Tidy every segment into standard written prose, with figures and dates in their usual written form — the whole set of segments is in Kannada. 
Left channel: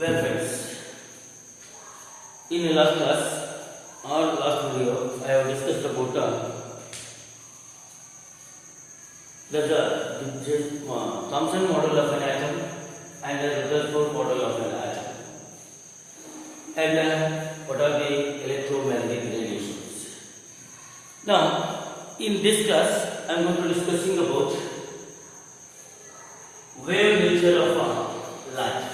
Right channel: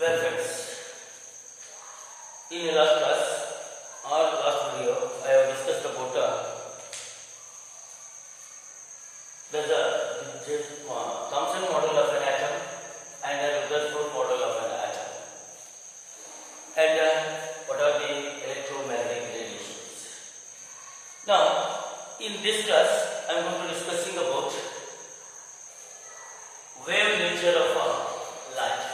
Well friends, in the last class or last video I have discussed about the Thomson model of an atom and the Rutherford model of an atom and what are the electromagnetic radiations. Now in this class I am going to discussing about wave nature of light.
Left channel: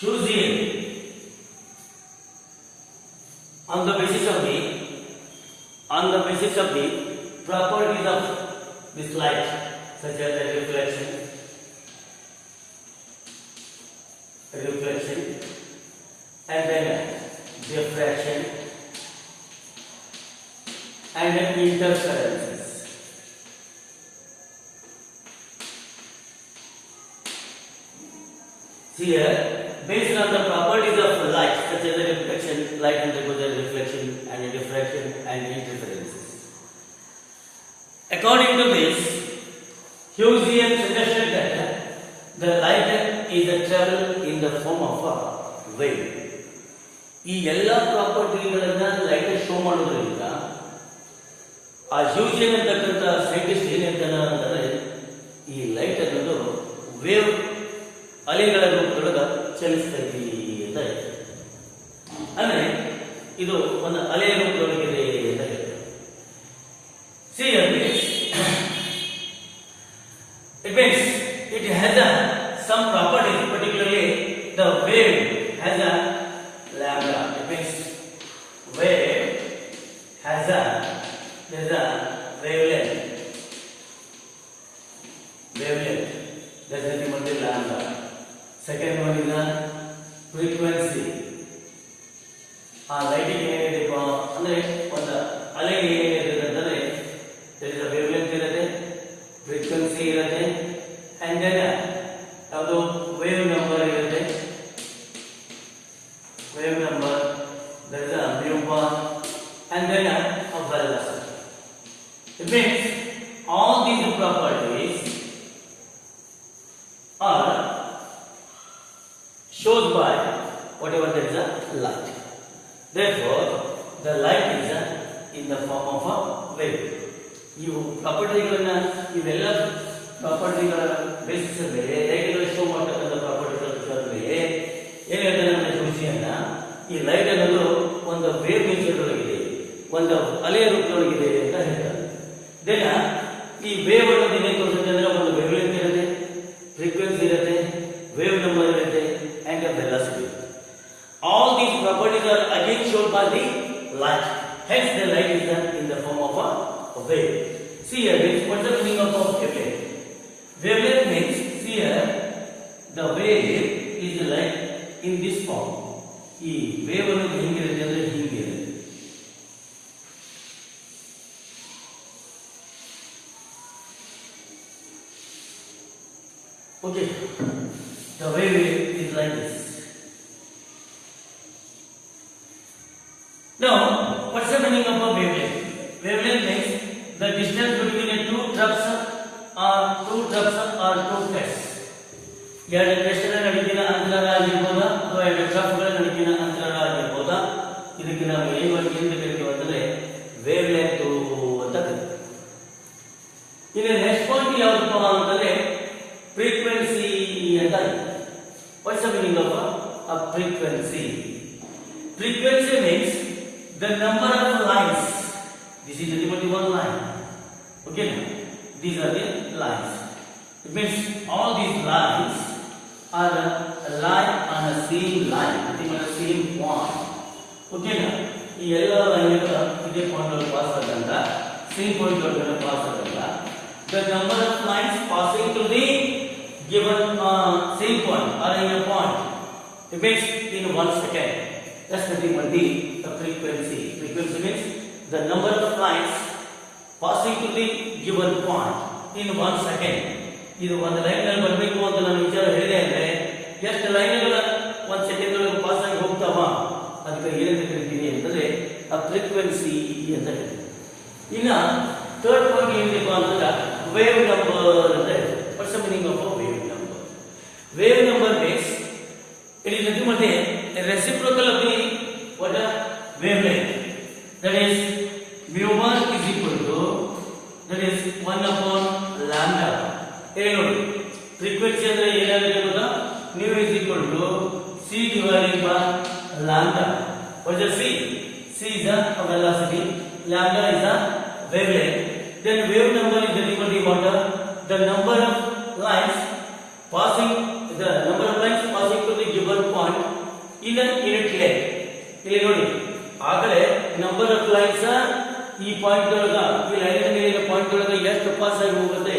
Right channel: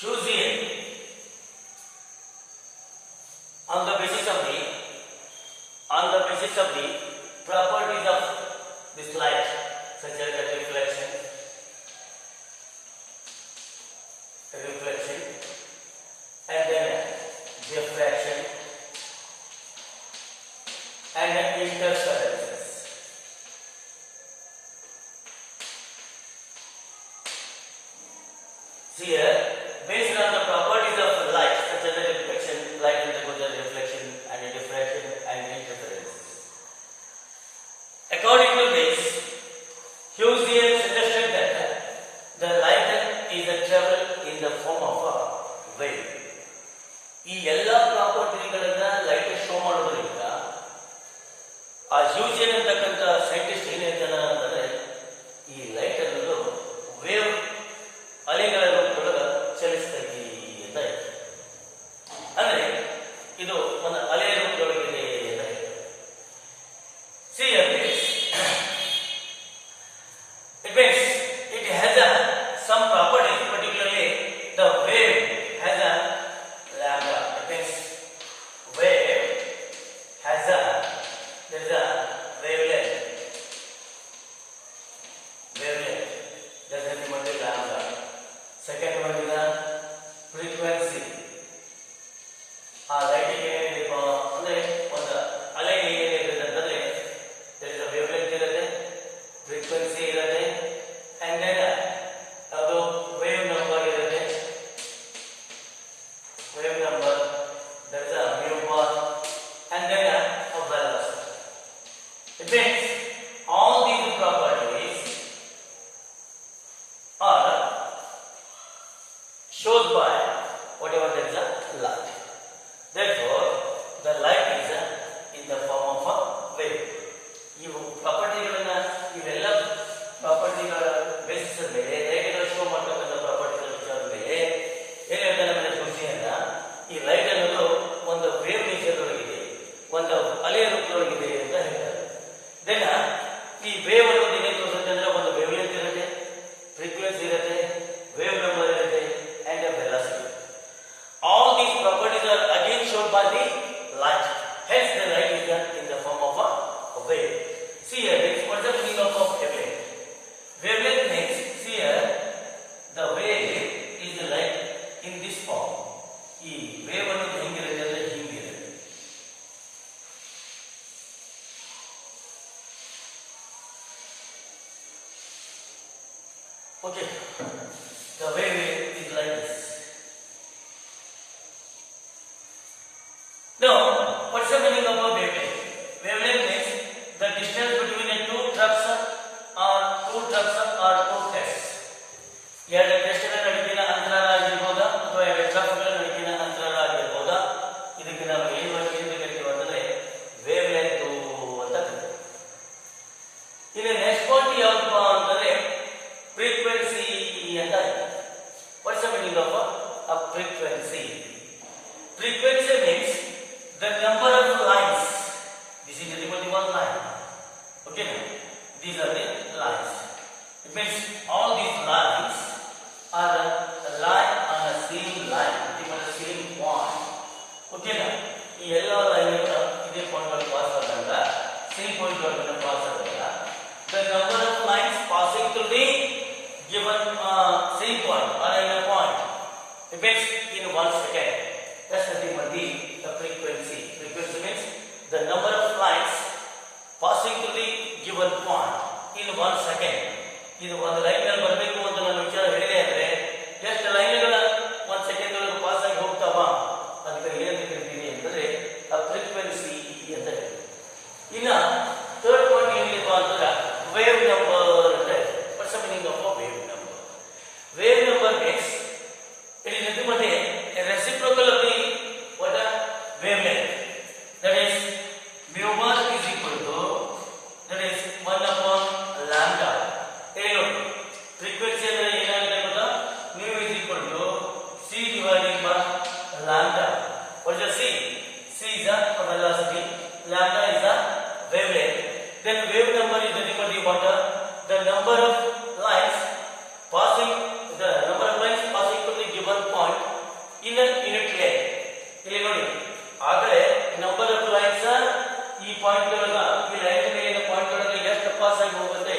Hughesian, on the basis of the properties of this light, such as the reflection, and then diffraction, and then interferences. Here, based on the properties of light, such as the reflection, light undergoes a reflection and a diffraction and interferences. According to this, Hughesian suggested that the light is a travel in the form of a wave. ಈ ಎಲ್ಲ ಪ್ರಾಪರ್ಟಿಗಳನ್ನ ಲೈಟ್ ಶೋ ಮಾಡೋದ್ರಿಂದ ಆ ಹ್ಯೂಜಿಯನ್ ಅಂತಕ್ಕಂಥ ಸೈಂಟಿಸ್ಟ್ ಏನ್ ಹೇಳ್ತಾನೆ ಅಂತಂದ್ರೆ ಈ ಲೈಟ್ ಅನ್ನೋದು ವೇವ್ ಅಲೆಗಳ ರೂಪದೊಳಗೆ ಚಲಿಸ್ತೈತಿ ಅಂತ ಹೇಳ್ತಾರೆ. ಅಂದ್ರೆ ಇದು ಒಂದು ಅಲೆಯ ರೂಪದೊಳಗಿದೆ ಅಂತ ಹೇಳ್ತಾರೆ. See here, it means it has some property, particularly the wave has a lambda. It means wave has there is a wavelength. That's nothing but the lambda. Second one is the frequency. Light ಏನಿದೆಪ್ಪ ಅಂದ್ರೆ ಒಂದು ಅಲೆ ಏನಿದೆ ಅಂತಂದ್ರೆ there is a wavelength ಇರುತ್ತೆ, frequency ಇರುತ್ತೆ, and then ಅದು wave number ಇರುತ್ತೆ. Wave number, there is a mu bar, and then a velocity. It means all these properties are shown by whatever there is a light. Therefore, the light is in the form of a wave. ಇವು ಪ್ರಾಪರ್ಟಿಗಳನ್ನ ಇವೆಲ್ಲ ಪ್ರಾಪರ್ಟಿಗಳ ಬೇಸಿಸ್ ಮೇಲೆ ಲೈಟ್ಗಳ ಶೋ ಮಾಡ್ತಕ್ಕಂಥ ಪ್ರಾಪರ್ಟಿಗಳ ವಿಚಾರದ ಮೇಲೆ ಏನ್ ಹೇಳ್ತಾನೆ ನಮ್ಮ ಹುಸಿಯನ್ನ ಈ ಲೈಟ್ ಅನ್ನೋದು ಒಂದು ವೇವ್ ನೇಚರ್ದೊಳಗಿದೆ, ಒಂದು ಅಲೆಯ ರೂಪದೊಳಗಿದೆ ಅಂತ ಹೇಳ್ತಾರೆ. ದೆನ್ ಈ ವೇವ್ ಅನ್ನೋದು ಏನೇನು ತೋರಿಸುತ್ತೆ ಅಂದ್ರೆ ಒಂದು ವೇವ್ಲೆಂತ್ ಇರುತ್ತೆ, ಫ್ರೀಕ್ವೆನ್ಸಿ ಇರುತ್ತೆ, ವೇವ್ ನಂಬರ್ ಇರುತ್ತೆ, and the velocity. All these properties are again shown by the light. Hence, the light is in the form of a wave. See here, what is the meaning of wavelength? Wavelength means, see here, the wave is like in this form. ಈ ವೇವ್ ಅನ್ನೋದು ಹಿಂಗಿರುತ್ತೆ ಅಂದ್ರೆ ಹಿಂಗಿರುತ್ತೆ. Okay, the wave is like this. Now, what's the meaning of a wavelength? Wavelength means the distance between a two drops or two crests. ಎರಡು ಕ್ರೆಸ್ಟ್ಗಳ ನಡುವಿನ ಅಂತರ ಆಗಿರ್ಬೋದಾ ಅಥವಾ ಎರಡು ಡ್ರಾಪ್ಗಳ ನಡುವಿನ ಅಂತರ ಆಗಿರ್ಬೋದಾ, ಇದಕ್ಕೆ ನಾವು ಏನು ಕರಿತೀವಿ ಅಂತಂದ್ರೆ ವೇವ್ ಲೆಂತ್ ಅಂತ ಕರಿತೀವಿ. ಇನ್ನು ನೆಕ್ಸ್ಟ್ ಪಾಯಿಂಟ್ ಯಾವ್ದಪ್ಪ ಅಂತಂದ್ರೆ ಫ್ರೀಕ್ವೆನ್ಸಿ ಅಂತ ಇದೆ. What's the meaning of a frequency? Frequency means the number of lines. This is only one line. Okay, these are the lines. It means all these lines are a line on a same line, nothing on a same point. Okay, ಈ ಎಲ್ಲ ಲೈನ್ಗಳು ಇದೇ ಪಾಯಿಂಟ್ ಅಲ್ಲಿ ಪಾಸ್ ಆದಾಗ ಸೇಮ್ ಪಾಯಿಂಟ್ ಒಳಗಡೆ ಪಾಸ್ ಆದಾಗ the number of lines passing to the given same point or in a point, it means in 1 second. That's nothing but the frequency. Frequency means the number of lines passing to the given point in 1 second. ಇದು ಒಂದು ಲೈನ್ ಮೇಲೆ ಬರಬೇಕು ಅಂತ ನಾನು ವಿಚಾರ ಹೇಳಿದೆ ಅಂದ್ರೆ ಎಷ್ಟು ಲೈನ್ಗಳ 1 ಸೆಕೆಂಡ್ ಒಳಗೆ ಪಾಸ್ ಆಗಿ ಹೋಗ್ತಾವ ಅದಕ್ಕೆ ಏನಂತ ಕರಿತೀವಿ mu is equal to c divided by lambda. What is the c? C is the velocity, lambda is the wavelength. Then wave number is nothing but what? The number of lines passing to the given point in a unit length. ಇಲ್ಲಿ ನೋಡಿ ಆಗಲೇ ನಂಬರ್ ಆಫ್ ಲೈನ್ಸ್ ಈ ಪಾಯಿಂಟ್ ಒಳಗ ಈ ಲೈನ್ ಮೇಲಿನ ಪಾಯಿಂಟ್ ಒಳಗ ಎಷ್ಟು ಪಾಸ್ ಆಗಿ ಹೋಗುತ್ತೆ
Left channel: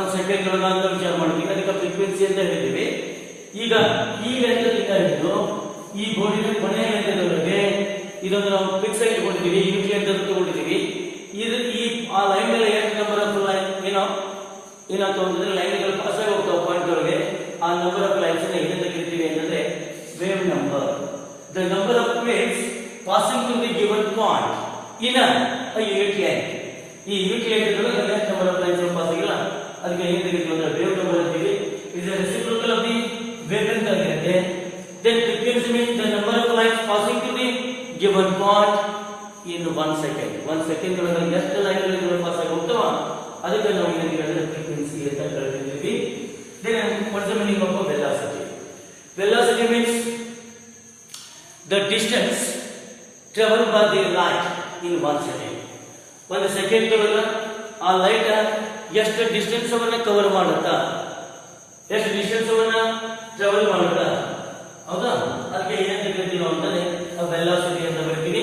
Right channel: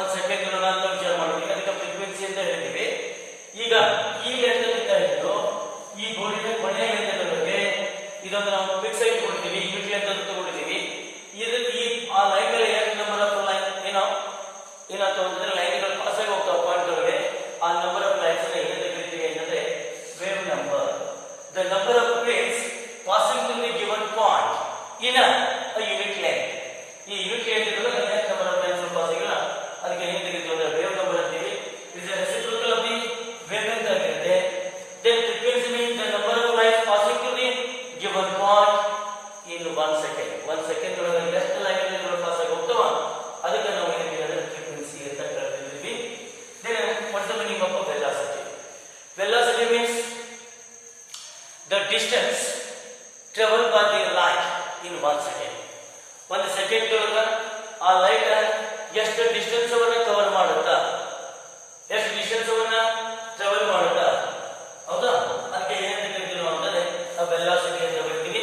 1 ಸೆಕೆಂಡ್ ಒಳಗ ಅಂತ ವಿಚಾರ ಮಾಡ್ತೀವಿ. ಅದಕ್ಕೆ ಫ್ರೀಕ್ವೆನ್ಸಿ ಅಂತ ಹೇಳ್ತೀವಿ. ಈಗ ಈ ಲೆಂತ್ ಹಿಡಿದು ಈ ಬೋರ್ಡಿನ ಕೊನೆಯ ಲೆಂತ್ವರೆಗೆ ಇದನ್ನು ನಾವು ಫಿಕ್ಸ್ ಆಗಿ ಇಟ್ಕೊಂಡಿದ್ದೀವಿ, ಯೂನಿಟ್ ಲೆಂತ್ ಅಂತ ತಗೊಂಡಿದ್ದೀವಿ. ಇದು ಈ ಆ ಲೈನ್ ಮೇಲೆ ಎಷ್ಟು ನಂಬರ್ ಆಫ್ ಲೈನ್ ಏನಾಗ್ತವೆ ಅಂತಂದ್ರೆ ಲೈನ್ಗಳು ಪಾಸ್ ಆಗಿ ಹೋಗ್ತಾವೆ ಪಾಯಿಂಟ್ ಒಳಗೆ. ಆ ನಂಬರ್ ಆಫ್ ಲೈನ್ಸ್ ಅನ್ನ ಏನಂತ ಕರಿತೀವಿ ಅಂತಂದ್ರೆ wave number. The number of waves passing through the given point in a unit length. ಈ ಯೂನಿಟ್ ಲೆಂತ್ ಒಳಗೆ ಎಷ್ಟು ನಂಬರ್ ಆಫ್ ಲೈನ್ಸ್ ಪಾಸ್ ಆಗಿಲ್ಲ ಅದಕ್ಕೆ ಏನಂತ ಕರಿತೀವಿ ಅಂದ್ರೆ ವೇವ್ ನಂಬರ್ ಅಂತೀವಿ. It is reciprocal of the wave length ಆಗಿರುತ್ತೆ. Then frequency means the number of lines passing through the given point in 1 second. 1 second ಒಳಗೆ ಎಷ್ಟು ಲೈನ್ಗಳು ಪಾಸ್ ಆಗಿ ಹೋಗ್ತಾವ ಅದಕ್ಕೆ ನಾವು ಏನಂತೀವಿ ಅಂದ್ರೆ ಫ್ರೀಕ್ವೆನ್ಸಿ ಅಂತ ಕರೀತೀವಿ. Then what is the meaning of velocity? Velocity means the distance traveled by the light in 1 second. 1 second ಒಳಗೆ ಆ ಲೈಟ್ ಎಷ್ಟು ಡಿಸ್ಟೆನ್ಸ್ ಅನ್ನ ಕವರ್ ಮಾಡುತ್ತಾ, ಎಷ್ಟು ಡಿಸ್ಟೆನ್ಸ್ ಅನ್ನ ಟ್ರಾವೆಲ್ ಮಾಡುತ್ತಾ, ಹೌದಾ? ಅದಕ್ಕೆ ಏನಂತ ಕರಿತೀವಿ ನಾವು ಅಂತಂದ್ರೆ ವೆಲಾಸಿಟಿ ಅಂತ ಕರಿತೀವಿ.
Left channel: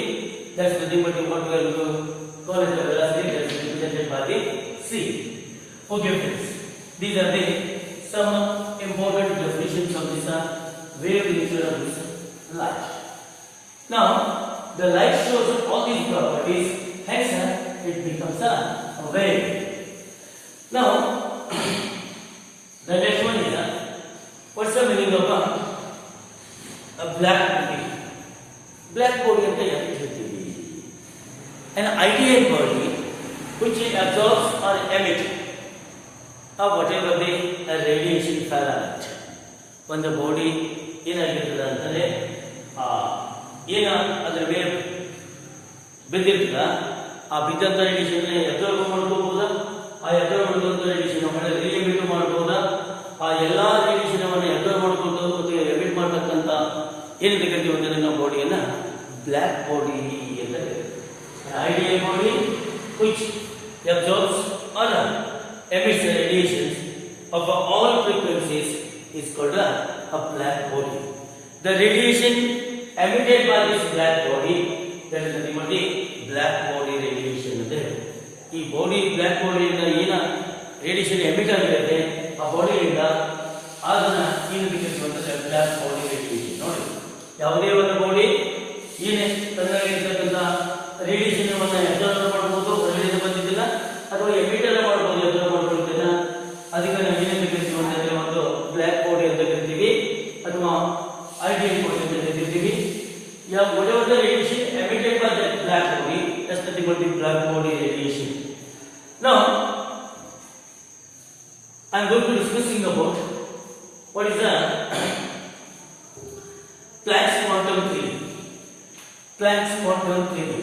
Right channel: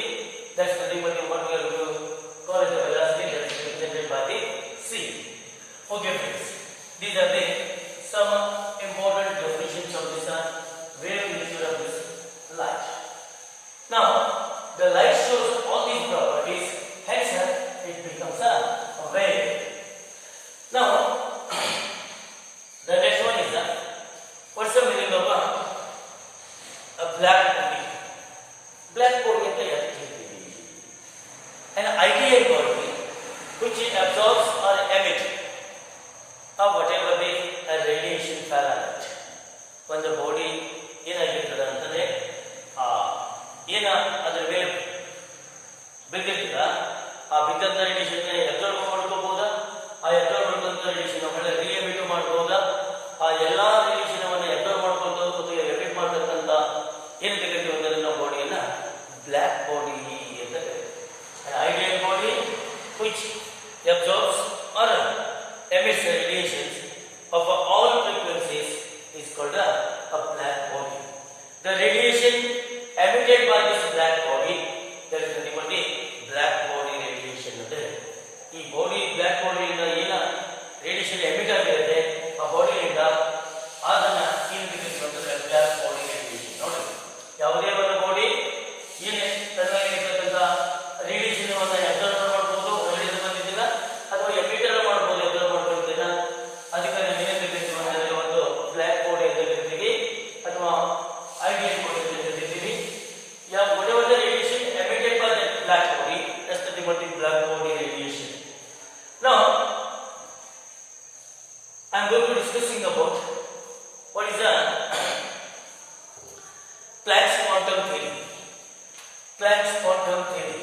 That's nothing but what we are call it velocity that is represented by the c. Okay friends, these are the some important definitions of this wave nature of this light. Now the light shows all these properties, hence it becomes a wave. Now the next one is what's the meaning of a black body? Black body anta ಹೇಳ್ತೀವಿ. An ideal body which absorbs or emits of whatever the radiation fell on it. ಒಂದು ಬಾಡಿ ಏನಾಗಿರ್ತದೆ ಅಂತಂದ್ರೆ ಏನ ಅದ್ರ ಮೇಲೆ ಬಿದ್ದಿರ್ತದ ಆ ಬಿದ್ದಂತ ರೇಡಿಯೇಷನ್ ಅಬ್ಸರ್ವ್ ಮಾಡ್ಕೋಬಹುದಾ, ಆ ಅಬ್ಸರ್ವ್ ಮಾಡಿದಂತ ರೇಡಿಯೇಷನ್ ಮಾಡಿ ರಿಎಮಿಟ್ ಮಾಡಬಹುದಾ, ಆ ಎಲ್ಲಾ ರೇಡಿಯೇಷನ್ ಅನ್ನು ಅಬ್ಸರ್ವ್ ಮಾಡ್ಕೊಂಡು ಮತ್ತು ಎಮಿಟ್ ಮಾಡತಕ್ಕಂತ ಏನಕ್ಕೆ ಕರಿತೀವಿ ಅಂತಂದ್ರೆ ನಾವು ಬಾಡಿಯನ್ನ ಬ್ಲ್ಯಾಕ್ ಬಾಡಿ ಅಂತ ಕರಿತೀವಿ. Ideal body which absorbs or emits radiations of all frequencies is called a black body. The radiation emitted by this black body, that is nothing but the black body radiation. ಈ ಬಾಡಿ ಬ್ಲ್ಯಾಕ್ ಬಾಡಿಯಿಂದ ಏನ ರೇಡಿಯೇಷನ್ ಎಮಿಟ್ ಆಗಿರುತ್ತೆ ಆ ಬಾಡಿಯಿಂದ ಅದನ್ನ ಏನಂತ ಕರಿತೀವಿ ಅಂತಂದ್ರೆ ಬ್ಲ್ಯಾಕ್ ಬಾಡಿ ರೇಡಿಯೇಷನ್. ನೋಡಿ, ಯಾವುದೇ ಒಂದು ಬಾಡಿ ಏನೇ ತನ್ನಲ್ಲಿರ್ತಕ್ಕಂಥ ರೇಡಿಯೇಷನ್ ಅನ್ನ ಅಬ್ಸರ್ವ್ ಮಾಡಬಹುದು, ಹೊರಗಡೆ ಬಂದಿದ್ದಿಲ್ಲ, ಅಥವಾ ಎಮಿಟರ್ ಮಾಡಬಹುದು, ಅಬ್ಸರ್ವ್ ಮಾಡ್ಕೊಳ್ತೀನ. ಅದಕ್ಕೆ ನಾವು ಏನಂತ ಕರಿತೀವಿ ಅಂತಂದ್ರೆ ಒಂದು ಬ್ಲ್ಯಾಕ್ ಬಾಡಿ ಅಂತ ಕರಿತೀವಿ ಅಥವಾ ಐಡಿಯಲ್ ಬಾಡಿ ಅಂತ ಕರಿತೀವಿ. whatever the radiation emitted by that black body, that's nothing but the black body radiation. Now I am going to discussing about what is the Planck's quantum theory. Planck's quantum theory.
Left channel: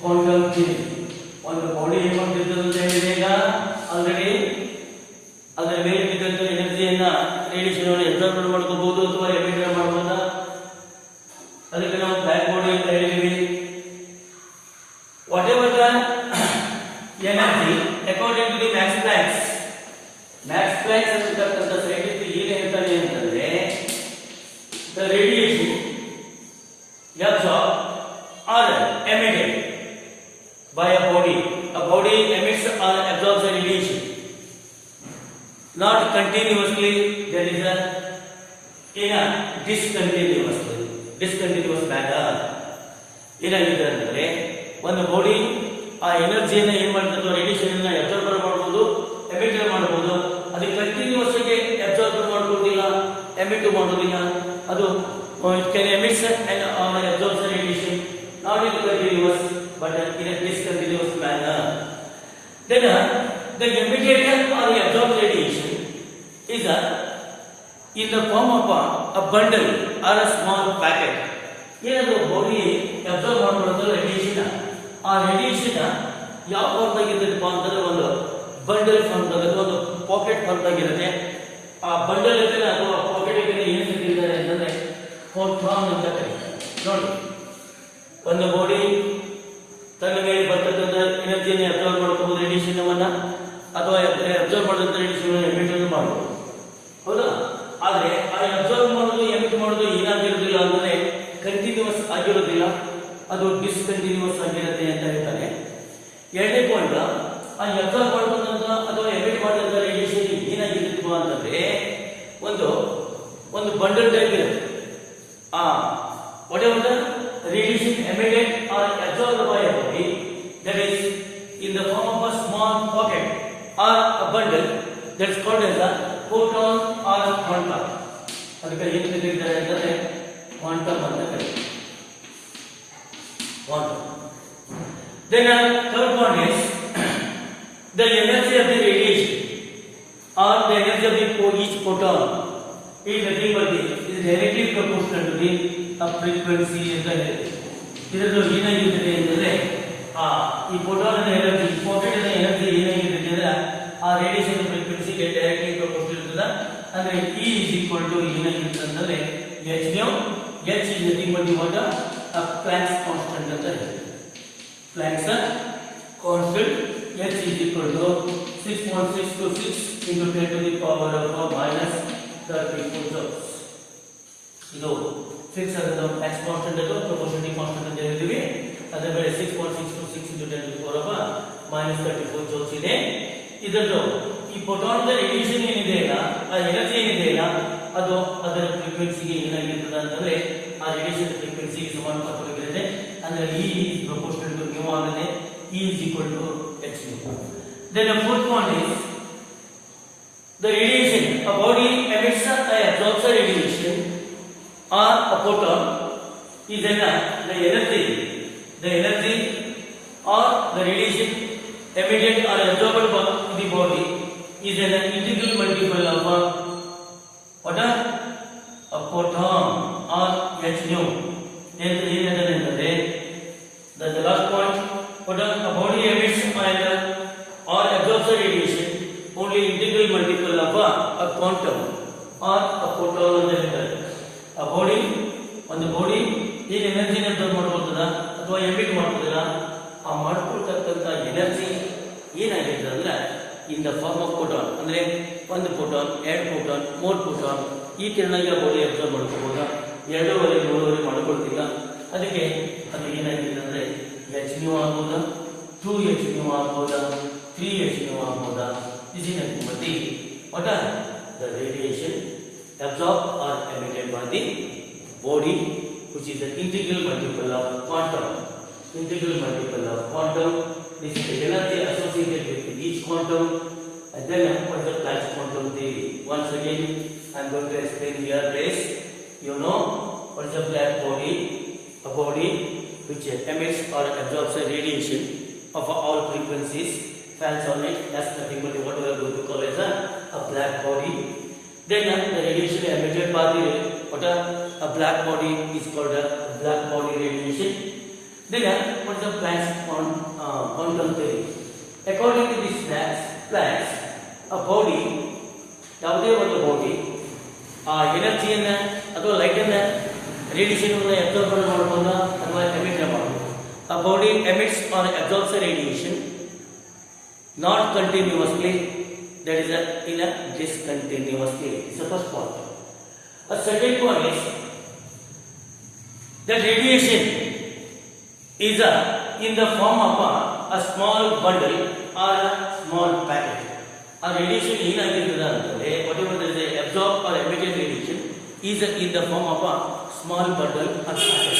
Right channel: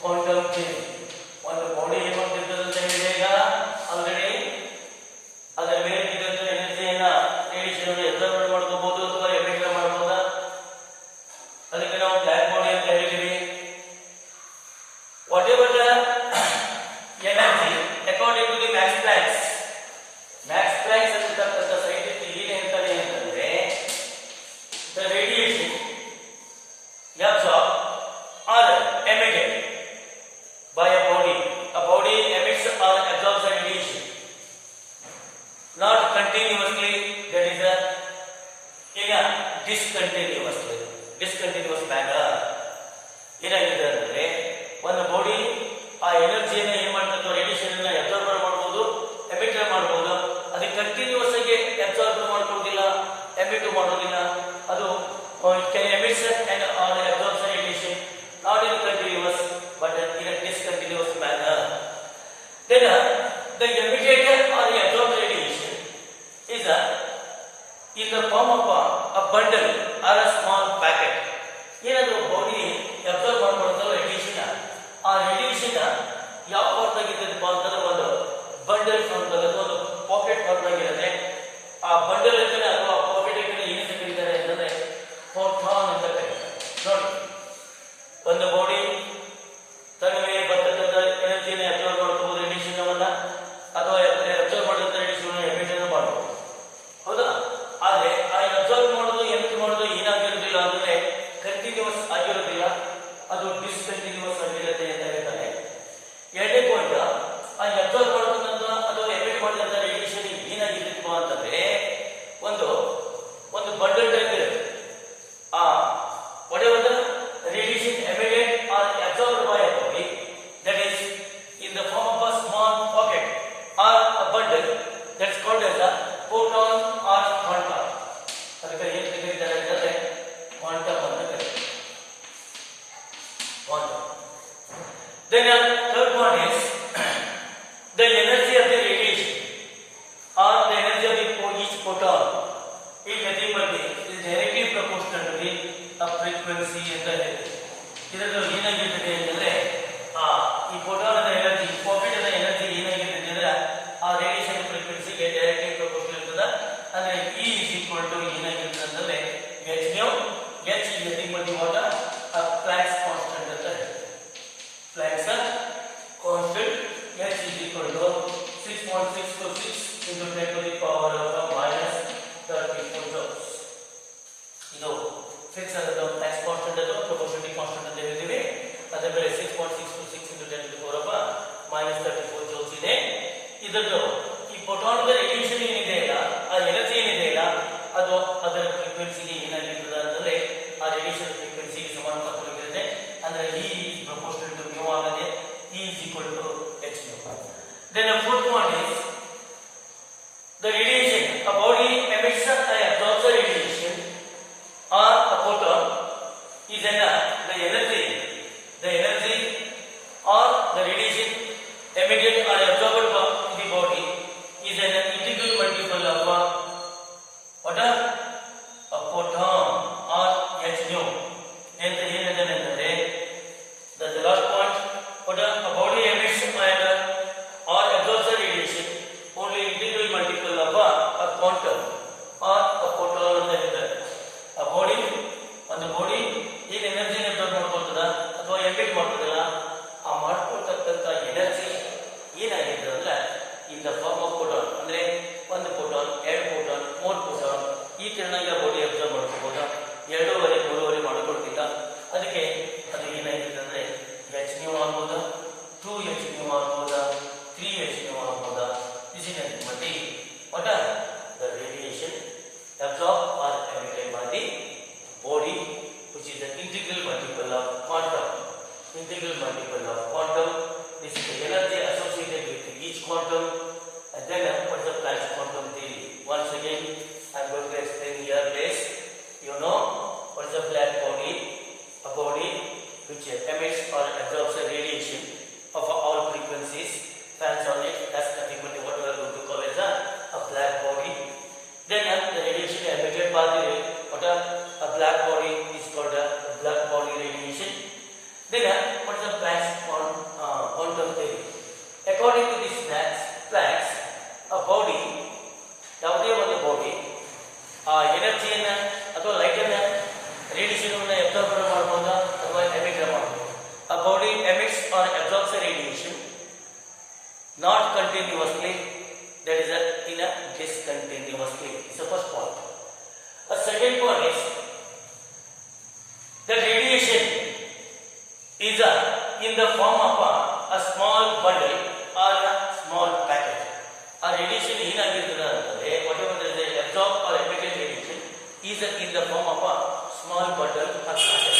Quantum theory. ಒಂದು ಬಾಡಿ ಏನಾಗ್ತಿರ್ತದೆ ಈಗ ಆಲ್ರೆಡಿ ಅದರ ಮೇಲೆ ಬಿದ್ದಂತ ಎನರ್ಜಿಯನ್ನ ರೇಡಿಯೇಷನ್ ಅನ್ನು ಅಬ್ಸರ್ವ್ ಮಾಡ್ಕೋಬಹುದು ಅಥವಾ ಎಮಿಟ್ ಮಾಡಬಹುದಾ, ಅದಕ್ಕೆ ನಾವು ಬ್ಲ್ಯಾಕ್ ಬಾಡಿ ಅಂತ ಹೇಳಿದ್ವಿ. Whatever the energy according to the Max Planck's ಅಂತಕ್ಕಂಥ ಸೈಂಟಿಸ್ಟ್ ಏನ್ ಹೇಳ್ತಾನೆ ಅಂತಂದ್ರೆ the radiation absorbed or emitted by a body emits or absorbs the radiation not continuously, that is in a discontinuous manner. ಏನಾಗಿದೆ ಅಂದ್ರೆ ಒಂದು ಬಾಡಿ ಆ ಎನರ್ಜಿಯನ್ನು ಏನ್ ಮಾಡ್ತದೆ, ರೇಡಿಯೇಷನ್ ಅನ್ನ ಅಬ್ಸರ್ವ್ ಮಾಡಬಹುದು, ಎಮಿಟ್ ಮಾಡಬಹುದು. ಅದಕ್ಕೆ ಕಂಟಿನ್ಯೂಸ್ ಆಗಿ ಅಬ್ಸರ್ವ್ ಮಾಡ್ಕೊಳ್ಳೋದಿಲ್ಲ, ಎಮಿಟ್ ಮಾಡೋದಿಲ್ಲ. ಅದು emits and absorbs the radiation not in continuous but in a discontinuous manner. Then the emitted or the absorbed radiation is in the form of a bundle or a small packet. ಏನಾದರೂ ಬಾಡಿ ಅಬ್ಸರ್ವ್ ಮಾಡ್ಕೊಳ್ಳೋದು ರೇಡಿಯೇಷನ್, ಆ ರೇಡಿಯೇಷನ್ ಯಾವ ಫಾರ್ಮ್ದಾಗಿದ್ದಪ್ಪ ಅಂತಂದ್ರೆ ಒಂದು ಬಂಡಲ್ ಫಾರ್ಮ್ದಾಗ ಅಥವಾ ಒಂದು ಪಾಕೆಟ್ ಫಾರ್ಮ್ದಾಗಿರುತ್ತೆ. ಆ ಬಂಡಲ್ ಇರ್ತದೆ ಅಥವಾ ಪಾಕೆಟ್ ಏನು ಕರೀತಾರೆ ಅಂತಂದ್ರೆ ಫೋಟಾನ್ ಅಂತ ಕರೀತಾರೆ. ನೋಡಿ, ಒಂದು ಬಾಡಿ ತನ್ನ ಮೇಲೆ ಬರ್ತಕ್ಕಂಥ ಎನರ್ಜಿಯನ್ನು ಅಬ್ಸರ್ವ್ ಮಾಡ್ಕೋಬಹುದು, ರೇಡಿಯೇಷನ್ ಅನ್ನ, ಅಥವಾ ಅಬ್ಸರ್ವ್ ಮಾಡಿದಂಥ ರೇಡಿಯೇಷನ್ ಎಮಿಟ್ ಮಾಡಬಹುದು, ಹೌದಾ? ಆದ್ರೆ ಆ ಅಬ್ಸರ್ವ್ ಮಾಡೋದು ಎಮಿಟ್ ಮಾಡೋದು ಏನಾಗಿರೋದಿಲ್ಲ ಅಂದ್ರೆ ಕಂಟಿನ್ಯೂಸ್ ಆಗಿರೋದಿಲ್ಲ, ಅದು ಡಿಸ್ಕಂಟಿನ್ಯೂಸ್ ಆಗಿರುತ್ತೆ ಅಂತ ಹೇಳ್ತಾನೆ. ಎರಡನೇ ಪಾಯಿಂಟ್, ಆ ಅಬ್ಸರ್ವ್ ಮಾಡತಕ್ಕಂಥ ಅಥವಾ ಎಮಿಟ್ ಮಾಡಿದಂಥ ರೇಡಿಯೇಷನ್ ಏನಾಗಿರುತ್ತಪ್ಪ ಅಂತಂದ್ರೆ ಒಂದು ಬಂಡಲ್ ಟೈಪ್ ಇರುತ್ತೆ. whatever the radiation emitted or absorbed by a body, that is in the form of a small pocket or a bundle, that is called as a photon or quantum. ಅದಕ್ಕೆ ಏನು ಕರೀತಾರೆ ಅಂದರೆ ಕ್ವಾಂಟಮ್ ಅಂತ ಕರೀತಾರೆ. Quantum. Then third one is the energy of the radiation or the energy of each photon is nothing but is directly proportional to the frequency ಅಂತ ಇದೆ. ಇದರಲ್ಲಿ ಏನಾಗಿರ್ತದೆ ಅಂದರೆ ಈ ಫೋಟಾನ್ ಎನರ್ಜಿ, ಪಾಕೆಟ್ ಎನರ್ಜಿ ಏನಾಗಿರ್ತದೆ ಅಂದ್ರೆ ಆ ರೇಡಿಯೇಷನ್ ಫ್ರೀಕ್ವೆನ್ಸಿಗೆ ಡೈರೆಕ್ಟ್ಲಿ ಪ್ರಪೋರ್ಷನಲ್ ಇರ್ತದೆ. ಅಂದ್ರೆ E is equal to ಏನಾಗಿರ್ತದೆ ಅಂತಂದ್ರೆ h nu, h is nothing but what a Planck's constant ಅಂತ ಹೇಳ್ತೀವಿ. Planck's constant h is equal to 6.626 into 10 to the power of minus 34 joules. ಇದು 6 ಅನ್ನೋದು Planck's constant ಅದು ಪ್ರಪೋರ್ಷನಲ್ ಕಾನ್ಸ್ಟೆಂಟ್ ಅಂತ ಹೇಳ್ತೀವಿ. ಅದರ ಬೆಲೆ 6.626 into 10 to the power of minus 34 joules ಇದೆ. ಇದನ್ನು ಈ ಫೋಟಾನ್ ರೇಡಿಯೇಷನ್ ಏನಿದೆ ಇಲ್ಲ, ಆ ಎನರ್ಜಿ ಏನಿದೆ ಇಲ್ಲ, ಅದು ಅದರ ಫ್ರೀಕ್ವೆನ್ಸಿಗೆ ಏನಾಗಿರ್ತದೆ ಅಂತಂದ್ರೆ ಆ ರೇಡಿಯೇಷನ್ ಫ್ರೀಕ್ವೆನ್ಸಿಗೆ ಸಮಾನುಪಾತವಾಗಿರುತ್ತೆ. ಅಂದ್ರೆ E is proportional to mu ಆಗಿದೆ. E is equal to h nu. Then the fourth one is the radiation. A body emits a absorbs a radiation or a photon is the energy or the radiation emitted or absorbed by the body is an integral multiple of what a photon or h nu. ಏನಂದ್ರೆ the last point, what a body emits or absorbs a radiation only integral multiple of a quantum or a photon ಅಂತ ಹೇಳ್ತಾರೆ. ಒಂದು ಬಾಡಿ ಈಗ ಎನರ್ಜಿನ ಅಬ್ಸರ್ವ್ ಮಾಡ್ಕೊಳ್ತದ ಅಥವಾ ಎಮಿಟ್ ಮಾಡ್ತದಲ್ಲ, ಆ ಮಾಡ್ಕೊಳ್ತಕ್ಕಂಥ ಎನರ್ಜಿ ಏನಾಗಿರ್ತದೆ ಅಂದ್ರೆ in the form of photon. ಅಂದ್ರೆ ಒಂದು ಫೋಟಾನ್, 2 ಫೋಟಾನ್, 3 ಫೋಟಾನ್ ಈ ತಿರ್ನಾಗಿ ಆ ಬಾಡಿ ಅಬ್ಸರ್ವ್ ಮಾಡ್ಕೋಬಹುದು. 2.5 3.5 ಮಾಡ್ಕೊಳ್ತಿಲ್ಲ. ಅದಕ್ಕೆ ಅದು ಏನಾಗಿರ್ತದೆ ಅಂದ್ರೆ h nu ಆಗ್ಬೋದ, 2h nu ಆಗ್ಬೋದ, 3h nu ಆಗ್ಬೋದ. This is nothing but what are the radiation absorbed or emitted by the body, which is an integral multiple of quantum. Integral multiple of quantum. This is the energy associated with each quantum. And then what is the Planck's quantum theory? Once again, I am going to explain here this. You know what is a black body? A body which emits or absorbs a radiation of all frequencies, falls on it. That's nothing but what we are going to call as a black body. Then the radiation emitted by the a black body is called a black body radiation. Then what is the Planck's quantum theory? According to this Planck's, a body, ಯಾವುದೇ ಒಂದು ಬಾಡಿ ಆ ಎನರ್ಜಿಯನ್ನ ಅಥವಾ ಲೈಟ್ ಅನ್ನ ರೇಡಿಯೇಷನ್ ಅಬ್ಸರ್ವ್ ಮಾಡಬಹುದಾ ಅಥವಾ ಎಮಿಟ್ ಮಾಡಬಹುದು. A body emits or absorbs a radiation not continuously, that is in a discontinuous state. It's the first point. A second point is the radiation is in the form of a small bundle or a small packet. A radiation ಏನಾಗಿರ್ತದೆ ಅಂದರೆ whatever there is a absorbed or emitted radiation is in the form of a small bundle or packet.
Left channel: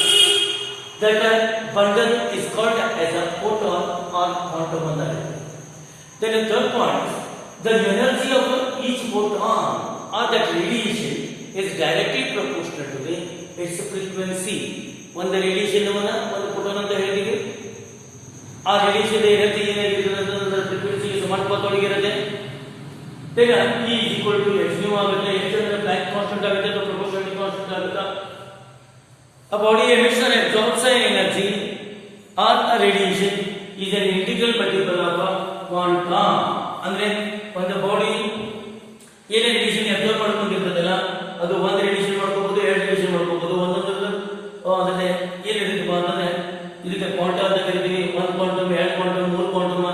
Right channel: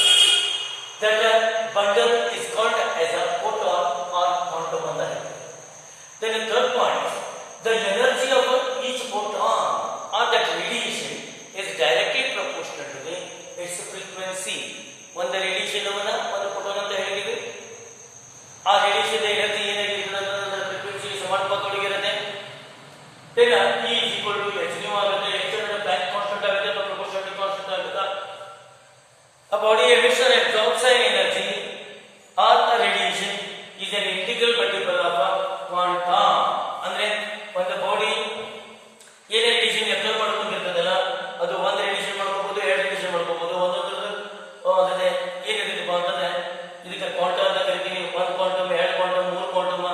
That bundle is called as a photon or quantum ಅಂತ ಹೇಳ್ತೀವಿ. Then the third point, the energy of each photon or that radiation is directly proportional to its frequency. ಒಂದು ರೇಡಿಯೇಷನ್ ಒಂದು ಫೋಟಾನ್ ಅಂತ ಹೇಳಿದೀವಿ. ಆ ರೇಡಿಯೇಷನ್ ಎನರ್ಜಿ ಏನಾಗಿರ್ತದೆ ಅಂದ್ರೆ ಅದರ ಫ್ರೀಕ್ವೆನ್ಸಿಗೆ ಸಮಾನುಪಾತದೊಳಗಿರುತ್ತೆ. ಈಗ E is equal to h nu ಆಗುತ್ತೆ. h ಅಂದ್ರೆ Planck ಕಾನ್ಸ್ಟೆಂಟ್ ಆಗುತ್ತೆ ಅಥವಾ ಪ್ರಪೋರ್ಷನಲ್ ಕಾನ್ಸ್ಟೆಂಟ್ ಆಗುತ್ತೆ. A body emits or absorbs an energy or a radiation is N integral multiple of quantum. ಅಂದ್ರೆ ಒಂದು ಬಾಡಿ ಏನೇ ರೇಡಿಯೇಷನ್ ಅಬ್ಸರ್ವ್ ಮಾಡ್ಕೊಂಡಿರ್ತದಲ್ಲ ಅದು ಒಂದು ರೇಡಿಯೇಷನ್ ಮಾಡ್ಕೋಬಹುದು, ಎರಡು ರೇಡಿಯೇಷನ್ ಮಾಡ್ಕೋಬಹುದು. ಅದನ್ನೇ ಏನಿರುತ್ತಪ್ಪ ಅಂತಂದ್ರೆ ಇದಕ್ಕೆ ಕ್ವಾಂಟಮ್ ಅಂತ ಕರಿತೀವಿ. ಒಂದು ಕ್ವಾಂಟಮ್, ಎರಡು ಕ್ವಾಂಟಮ್, ಮೂರು ಕ್ವಾಂಟಮ್,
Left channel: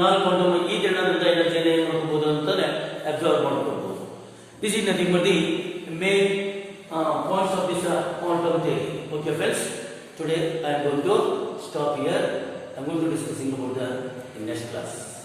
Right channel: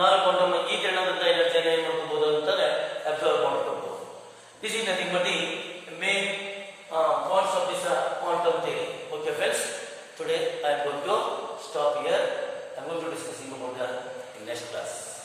ನಾಲ್ಕು ಕ್ವಾಂಟಮ್, ಈ ಕಾರಣದಿಂದ ಎನರ್ಜಿ ಏನ್ ಮಾಡ್ಕೋಬಹುದು ಅಂತಂದ್ರೆ ಅಬ್ಸರ್ವ್ ಮಾಡ್ಕೋಬಹುದು. This is nothing but the main points of this quantum theory. Okay friends, today I am going to stop here. I am going to discussing about the in next class.